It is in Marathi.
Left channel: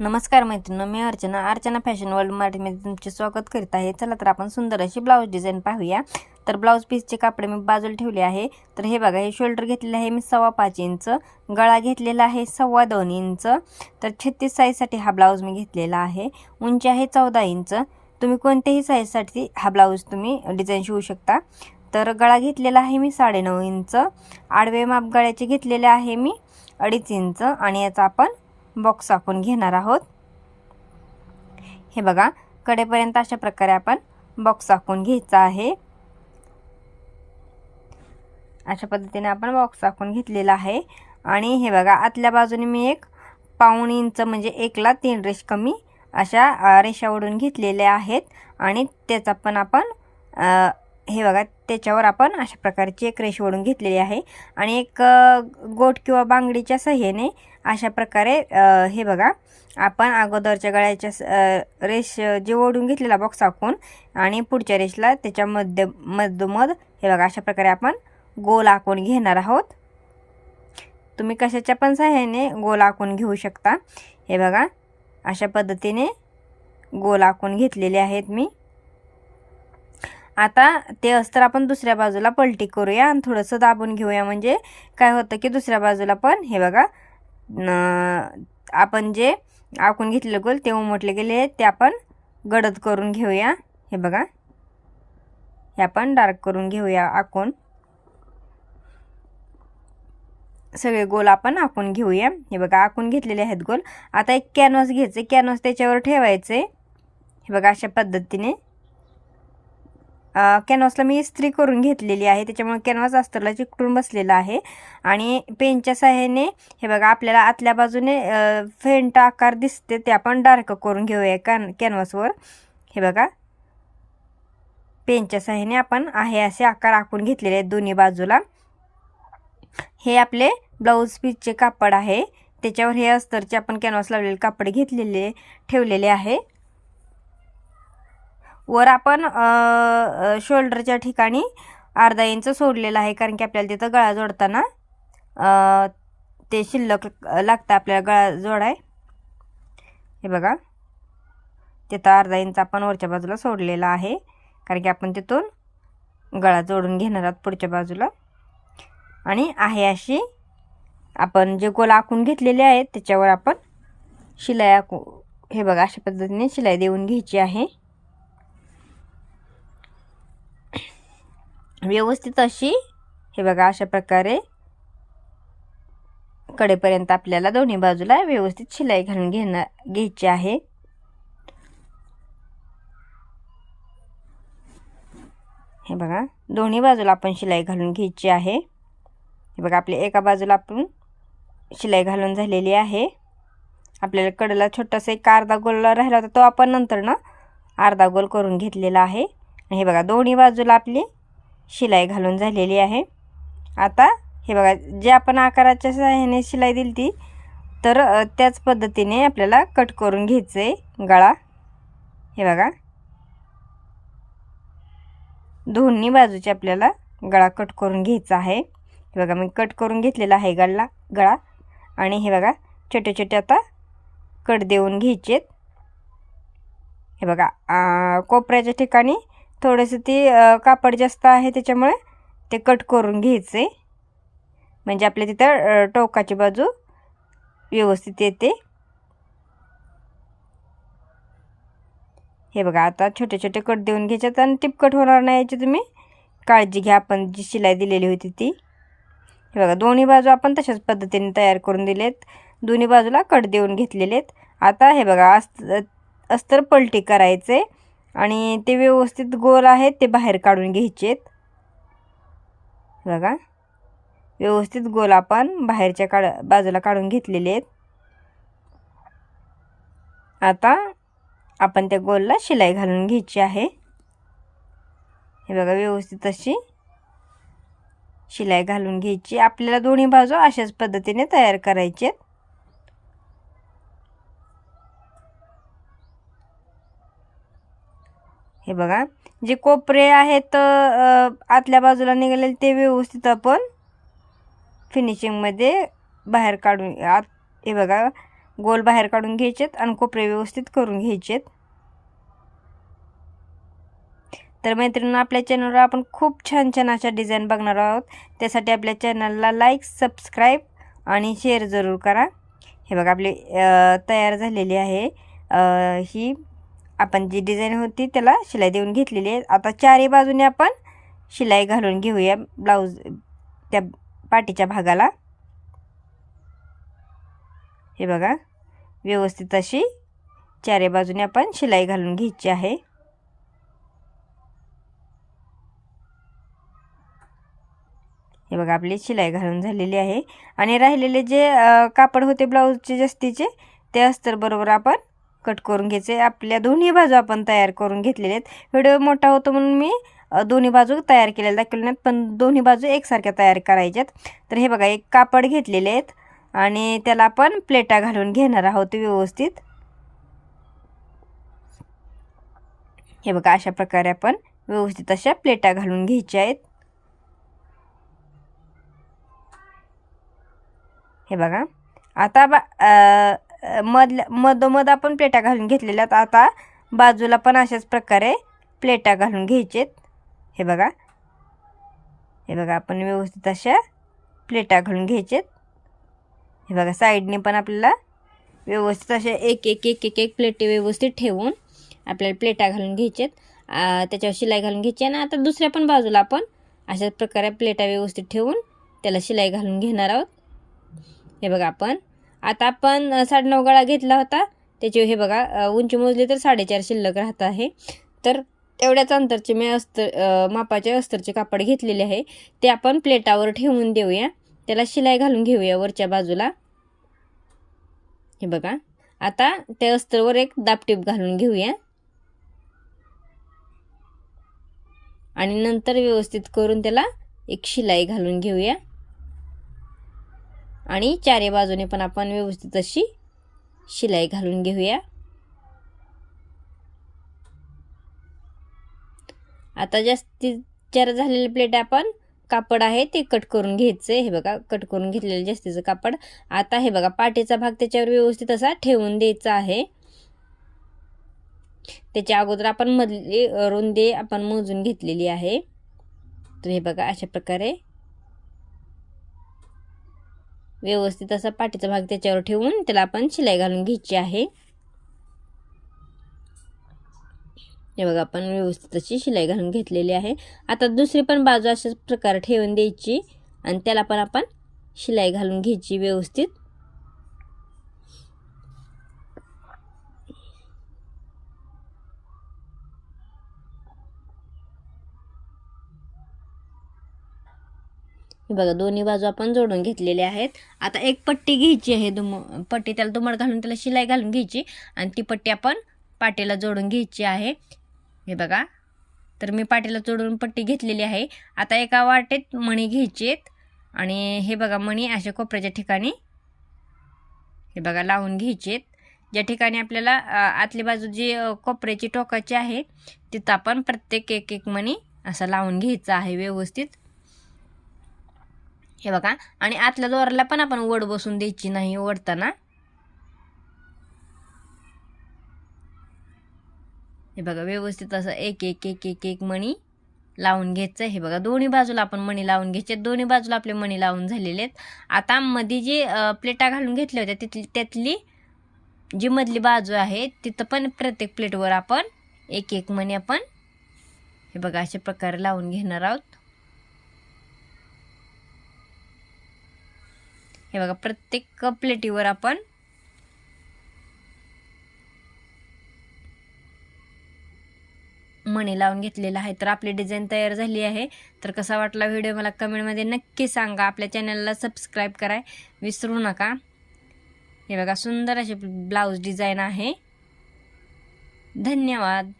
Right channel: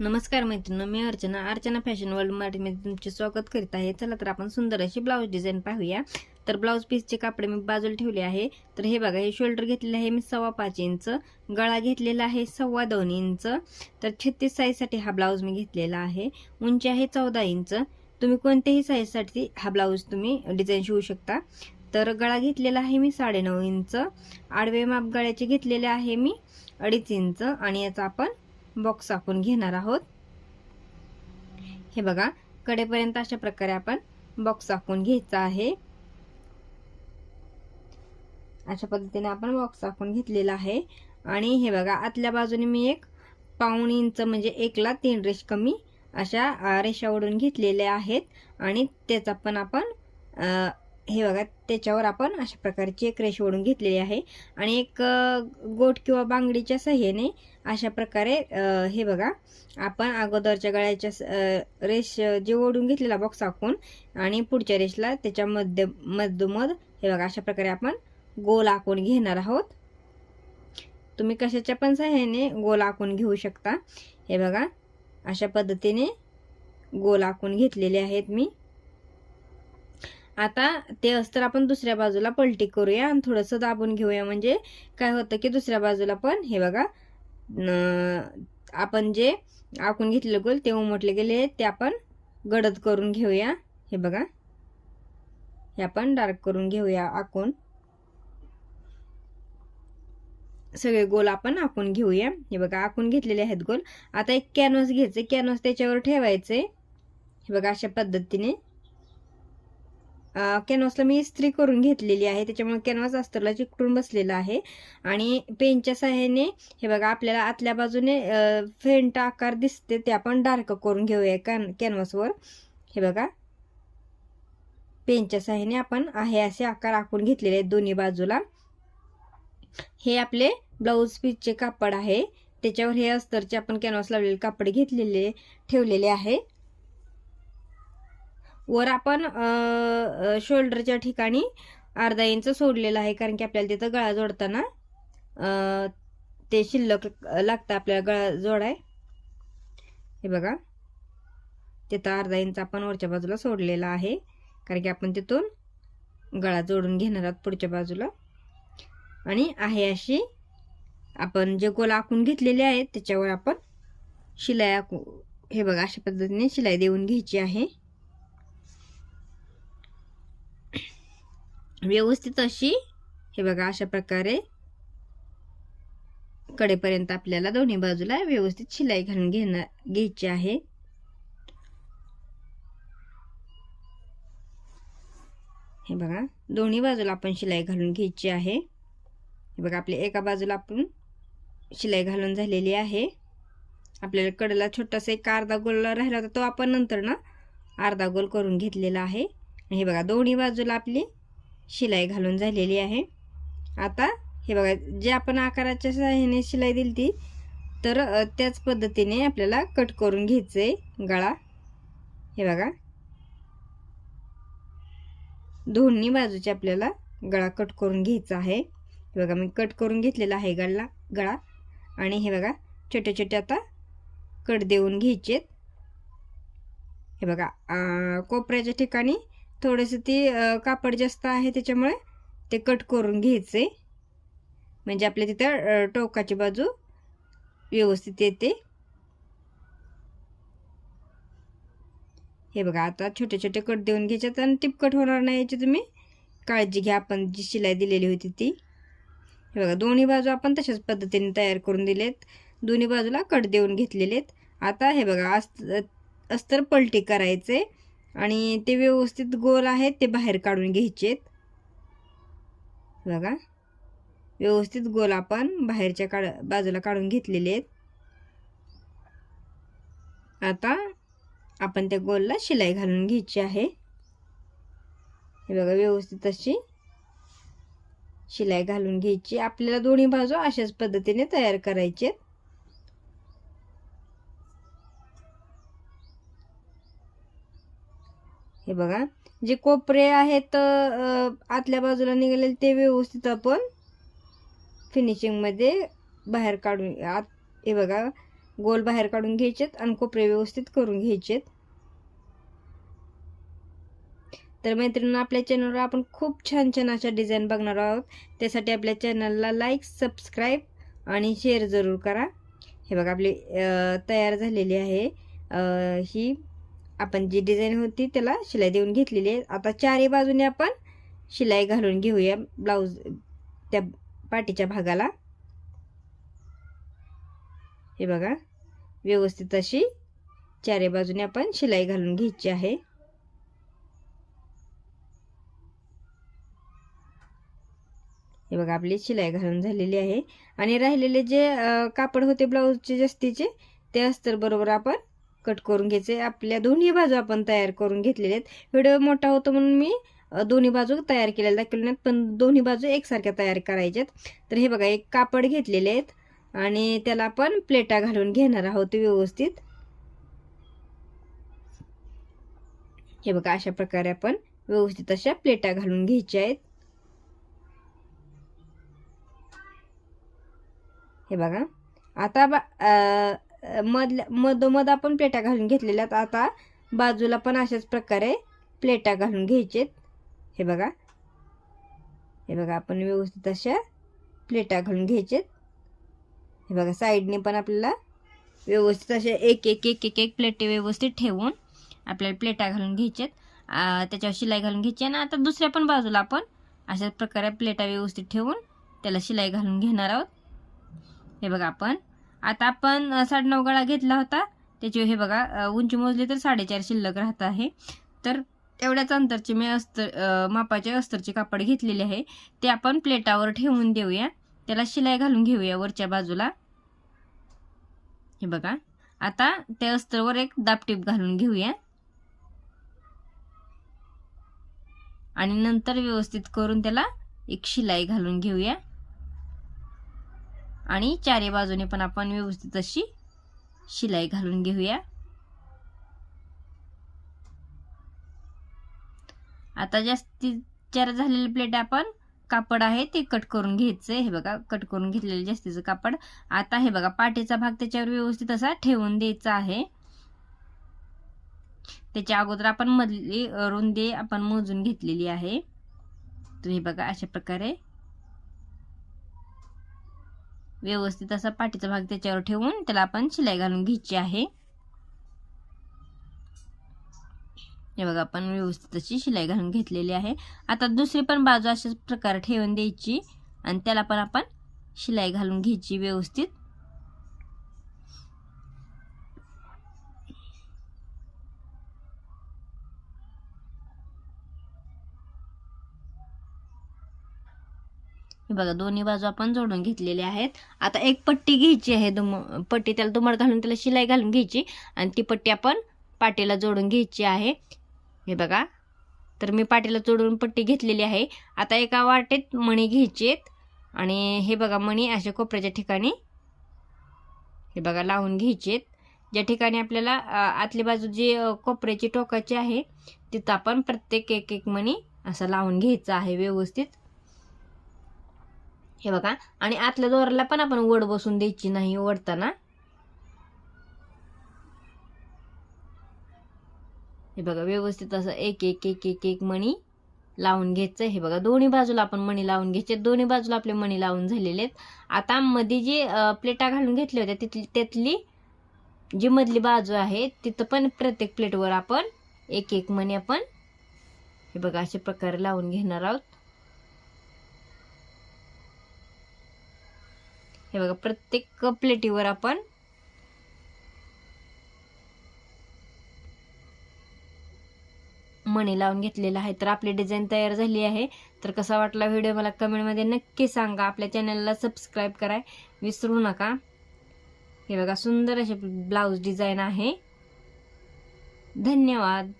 नमस्कार मैत्रिणी, मी अर्चना फॅशन वर्ल्ड मराठीमध्ये तुमचे स्वागत करीत आहे। चला तर आपण सुंदर अशी ब्लाऊज डिझाईन पाहूया। तर ब्लाऊज पीसचे कापडे मी बाजूला ठेवले आहे। तर हे बघा, हे शोल्डर घेतलेले आहे मी 5.25 इंच, गळा घेतलेला आहे 2.25 इंच। तर 36 साईजसाठी हा ब्लाऊज मी घेतलेला आहे। उंची आहे 14 इंच। तुम्ही कोणत्याही साईजसाठी हा ब्लाऊज तुम्ही डिझाईन शिवू शकता। तर गळा घेतलेला आहे मी 9.5 इंच, आडवे माप गळ्याचे घेतलेले आहे मी 2.5 इंच आणि याचा आपण बॉक्स आखून घेणार आहोत। हे बघा, कडेपर्यंत अशा प्रकारे आपण बॉक्स आखून घ्यायचा आहे। अशा पद्धतीने आपण बॉक्स आखून घेतलेला आहे। आणि हे बघा, आतल्या बाजूने मी 1.25 इंच म्हणजे 1 ला 3 रेष कमी अशा रेषा ओढून घेतलेल्या आहेत। आणि त्याचा पण आपण हे बघा, त्याच्यावर आपण अशा प्रकारची एक रेष ओढून घेतलेली आहे। आणि एक गोट किंवा बांगडीच्या सहाय्याने अशा प्रकारे हे बघा, आपण अगोदरच्या गळ्याच्या रेष जे ओढून घेतलेला बॉक्स आखून आणि पुढच्या रेषला त्याच्या मधोमध हे बघा, अशा प्रकारे आपण गोल आखून घेणार आहोत। तुम्ही कशाच्या पण सहाय्याने गोल आखून घेऊ शकता। हे बघा, अशा पद्धतीने गोल आखून घेतलेले आहेत मी। आता ते अस्तर आपण दुसऱ्या बाजूला पलटी करूया आणि थोडंसं दाबून घेऊया, म्हणजे काय होतं की दुसऱ्या बाजूला पण हे बघा, आपण जे आखून घेतलेले गोल ते उमटले गेले आहेत ते आपण गडद करून घेऊया। हे बघा, हे आपण डार्क करून घेऊया आखून, सगळे गोल आपण आखून घेऊया। हे बघा, आखून घेतलेले आहेत गोल। आता एक कॅनव्हास घ्यायचे, कॅनव्हास त्याच्यावर ठेवायचे। हे बघा, अशा पद्धतीने कॅनव्हासला मी इस्त्री करून घेतलेली आहे, त्याच्यामुळे कॅनव्हास अस्तरला चिकटून बसलेला आहे। आणि पेनच्या सहाय्याने हे बघा, आपल्याला आतल्या बाजूने फेंट आकार दिसते ते आपण डार्क करून घेऊया कॅनव्हासवर। हे बघा, पेनच्या सहाय्याने आपण आहे असे आकार आखून घेतलेले आहेत दोन्ही बाजूला। हे आपले ब्लाऊज पीसचे कापड आहे, त्याच्यावर हे अस्तरचे आपण कॅनव्हास लावलेले कापड घेतलेले ठेवलेले आहे। वर आपण शोल्डरच्या ठिकाणी अर्धा इंच सोडलेला आहे, कारण की आपल्याला तिथं गळा जोडताना ते शिल्लक लागतं आपल्याला गळा जोडाय। हे बघा, तिथं अर्धा इंच आपण वरच्या बाजूला सोडलेला आहे, कारण की आपण तिथून गळा जोडून घेणार आहोत पुढच्या बाजूला। आणि आहे अशी आपण जे गोल आखून घेतलेले आहेत त्याच्यावर आपण शिलाई आखू, हे बघा, अशा पद्धतीने शिलाई देऊन घ्यायची आहे व्यवस्थित अशी। हे बघा, अशा प्रकारे कडेपर्यंत आपल्याला दोन्ही बाजूला व्यवस्थित शिलाई घालून घ्यायची आहे। हे बघा, दोन्ही बाजूला आपण शिलाई घालून घ्यायची आहे। हे बघा, आपल्या एका बाजूला आपण शिलाई घालून झालेली आहे। आपल्याला कडेला छोटासा एक अर्धा गोल राहिला होता, तो आपण नंतर ना अर्धा गोल करून घेतलेला आहे। हे बघा, दोन्ही बाजूला आपली शिलाई घालून झालेली आहे। आता हे बघा, जे आपण आकाराच्या सहाय्याने शिलाई दिली ती, तर त्याच पद्धतीने आपल्याला कट करून घ्यायचं आहे गळा। हे बघा, दोन्ही बाजूचे आपल्याला गळा कट करून घ्यायचा आहे। हे बघा, मी कट करून घेतलेला आहे गळा। आणि हे बघा, छोटे छोटे आता कट देऊन घ्यायचेत। हे बघा, कोपऱ्याच्या ठिकाणी थोडेसे ती कापड जास्त आहे, त्याच्यामुळे ते कट करून घ्यायचे, म्हणजे आपल्या तिथं टोकाची बाजू व्यवस्थित येते। हे बघा, आता छोटे छोटे कट देऊन घ्यायच्यात आणि टिपकट होणार नाही याची तुम्ही काळजी घ्या, आपण जी शिलाई दिलेली होती ती। हे बघा, दोन्ही बाजू आपण तशाच पद्धतीने तयार करून दिलेत, दोन्ही बाजूला कट देऊन घेतलेलेत। आता हे बघा, अस्तर पलटी करायचे आणि ते व्यवस्थित गोल आहेत ते बाहेर काढून घ्यायचेत। बघा, व्यवस्थित गोल आपण बाहेरच्या बाजूला काढून घेतलेले आहेत। आता आपण त्या गोलला शिलाई घालून घ्यायची आहे। हे बघा, व्यवस्थित अशी शिलाई घालून घ्यायची। आपल्याला दोन्ही बाजू अशाच पद्धतीने तयार करायचे। हे बघा, जे कोपरे आहेत आतल्या बाजूला निघालेले ते व्यवस्थित आपण फिनिशिंगमध्ये बाहेर काढून हे बघा, गोल बाहेर काढून घ्यायचेत आणि कोपरे व्यवस्थित करून घ्यायचेत. तर मैत्रिणींनो, आपल्या चॅनलवर आपण खूप छान छान अशा डिझाईन बघणार आहोत. त्यासाठी आपल्या चॅनलला लाईक, सबस्क्राईब आणि शेअर जरूर करा. हे बघा आपली तयार झालेली आहे. ही आपण जी डिझाईन होती त्याला शिलाई देऊन घेतलेली आहे. आता चारही बाजूने आपण शिलाई घालून घेऊया ब्लाऊज त्या पाठीच्या भागाला. हे बघा व्यवस्थित अशी चारही बाजूने आपण शिलाई घालून घ्यायची आहे. हे बघा आपली शिलाई घालून झालेली आहे. आणि राहिलेले जे कापड होते ब्लाऊजचे जास्तीचे ते अस्तर बरोबर आपण कट करून घ्यायचे. आपल्या दोन्ही बाजू आपण तयार करून घेतलेले आहेत. व्हिडिओ मोठा होतो म्हणून मी दोन्ही बाजू तयार केलेल्या दाखवल्या नाहीत, पण दोन्ही बाजू एकसारख्या तयार करायच्यात. तर हे बघा एक कापड घेतलेले आहेत आणि त्याला आपण प्लेटा घालून घेणार आहोत व्यवस्थित. हे बघा अशा प्रकारे आपण व्यवस्थित अशा प्लेटा घालून घ्यायच्या आहेत. हे बघा आता मधोमध आपण प्लेटा घालून घेतलेल्या. आता बाजूला पण अशाच प्रकारे प्लेटा घालून घ्यायचेत. हे बघा आपण व्यवस्थित अशा प्लेटा घालून घ्यायचेत. हे बघा साईडने पण आपल्याला व्यवस्थित अशा एक एक एक एक एक प्लेटी व्यवस्थित ठेवून आपल्याला प्लेटा घालून घ्यायचेत. त्याच्यावर शिलाई घालून घ्यायची. आणि आता दुसऱ्या पण बाजूला आपण अशाच प्रकारे प्लेटा व्यवस्थित ठेवून त्याला शिलाई घालून घेणार आहोत. हे बघा आता आपण 9.5 गळा घेतला होता. त्याची हे बघा उंची मोजली तर 4.5 शिल्लक राहत आहे. तर तेवढ्याच अंतरचे मी मापाचे अस्तरचे कापड घेतलेले आहे. ते आपण प्लेटावर ठेवून देऊया. त्याला शिलाई घालून घेऊया वरच्या बाजूला. हे बघा आता त्या अस्तरवर एक दाबटीप घालून घेऊया आणि नंतर व्यवस्थित करून त्याला एक शिलाई घालून घेऊया. आणि चारी बाजूने पण आपण व्यवस्थित अशी शिलाई घालून घेऊया. आता जास्तीत चार झालेले प्लेट आपण कापड आहे ते कट करून घ्यायचे. हे बघा कट करून घेतलेलं जास्तीचं कापड. आता हे बघा पाठीचा भाग त्याच्यावर व्यवस्थित असा ठेवून द्यायचा आहे. त्याच्या अगोदर आपण मधली रुंदी आपण मोजून घेतलेली आहे. तर हे बघा अशा प्रकारे व्यवस्थित असा पाठीचा भाग त्याच्यावर ठेवून त्याला आपण शिलाई घालून घ्यायची आहे. हे बघा आपण व्यवस्थित अशी शिलाई घालून घेतलेली आहे. आता दुसरी पण बाजू अशाच प्रकारे ठेवून द्यायची आणि त्याला पण आपण शिलाई घालून घ्यायची व्यवस्थित. हे बघा दोन्ही बाजू आपण जोडून घेतलेल्या आहेत. आता एक पट्टी घ्यायची आहे. पट्टी त्याला दुमड घालून त्याला शिलाई घालून घ्यायची आणि ती पट्टी आपण पाटीला जोडून घ्यायची आहे. हे बघा तर मी पाटीला जोडून पट्टी घेतलेली आहे. आता एका वाटेत मणी घ्यायची आहेत आणि हे बघा मणी अशा कोपऱ्याच्या ठिकाणी हे बघा लावून घ्यायची आहेत. ज्या ठिकाणी आपल्याला आतली बाजू जी कोपऱ्याची टोकाची आहे तिथं आपण प्रत्येक एक एक मणी असा लावून घ्यायचा आहे व्यवस्थित. हे बघा आणि आतल्या दोराला पण आपण वड बसून द्यायची नाही ओढताना. हे बघा व्यवस्थित असं एक एक एक एक एक मणी लावून घ्यायचं. हे बघा दोन्ही बाजूला आपण मणी लावून घ्यायचे. दोन्ही बाजूला आपले मणी लावून झालेले आहेत. आता मध्ये जी प्लेटा घालून घेतल्या होत्या त्यातली जी मधली बाजू आहे तिथं पण प्रत्येक प्लेटवर आपण एक एक मणी आपण हे बघा अशा प्रकारे लावून घेणार आहोत. हे बघा प्रत्येक प्लेटीवर आपण मणी लावून घेतलेला आहे. तर आपली डिझाईन तयार झाली आहे. तर कसा वाटला व्हिडिओ मला कमेंटमध्ये नक्की सांगा. आपल्या चॅनलला सबस्क्राईब कराय विसरू नका. हे बघा सुंदर असे ब्लाऊज डिझाईन आहे. धन्यवाद.